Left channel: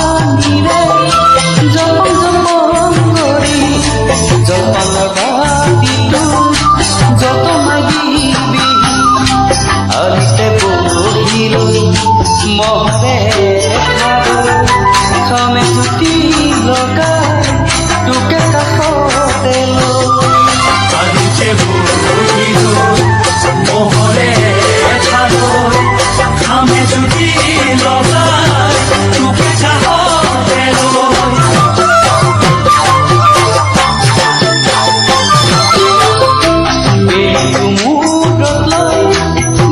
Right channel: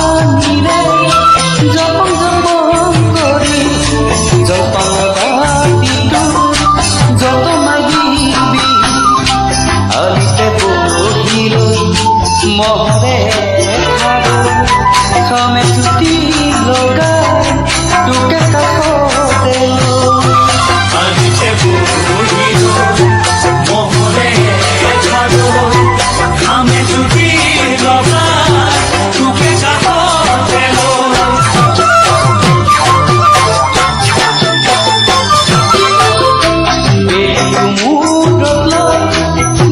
পানীৰে জপং জপং কৰি জলপানৰ বাতিটো যতনাই দিবি আলিতে বহি লৈ মহৰে খাৰু খামে চুটি লগাই তোকে কাষতে লৈ আলিতে বহি লৈ মহৰে খাৰু খামে চুটি লগাই তোকে কাষতে লৈ বেলিটো মূৰত লৈ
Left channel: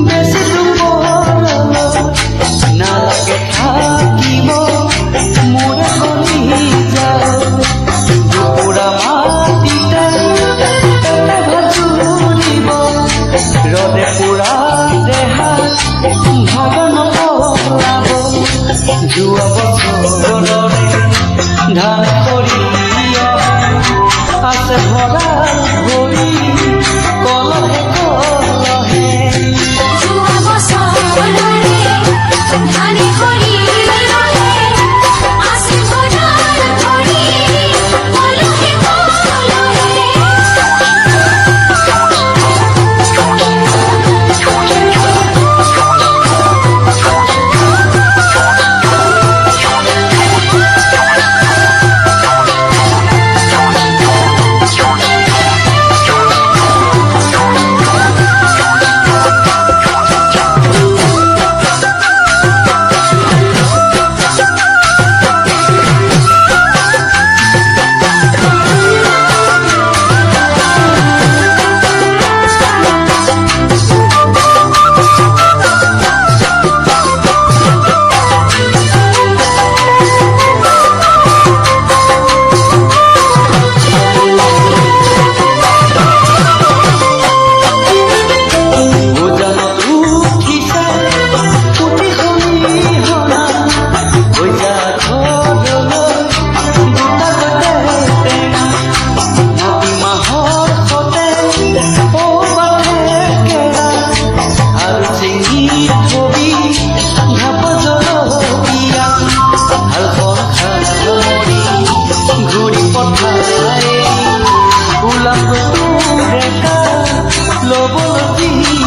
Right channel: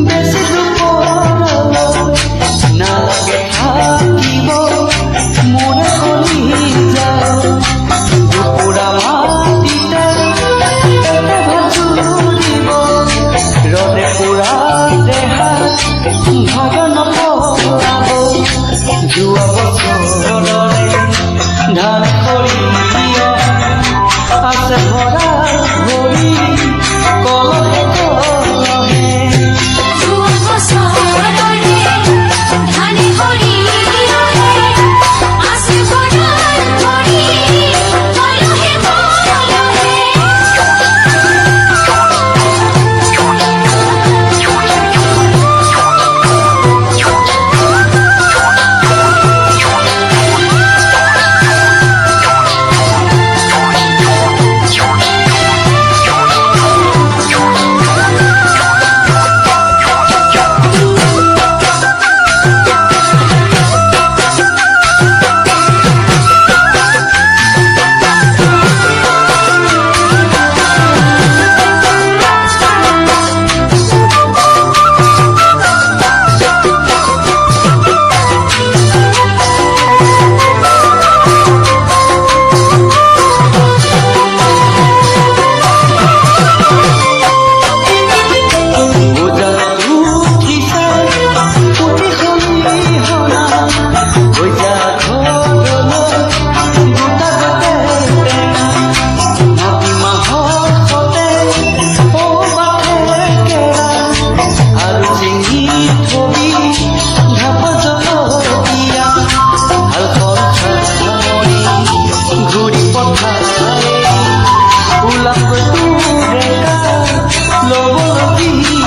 বেছি দুপৰলৈ নালাগে থাকিব মোৰে কলি যাও দুপুৰা মাটিতে এটা ভাত জুৰিব ৰদে পুৰা দেহাত ভাগ নপলাব যোৱা বছৰৰে ধান সৰিয়হে আছে ভঁৰাল ভৰি কলহে কলহে পঠাই ওলাব তোৰে কা ল'বলৈ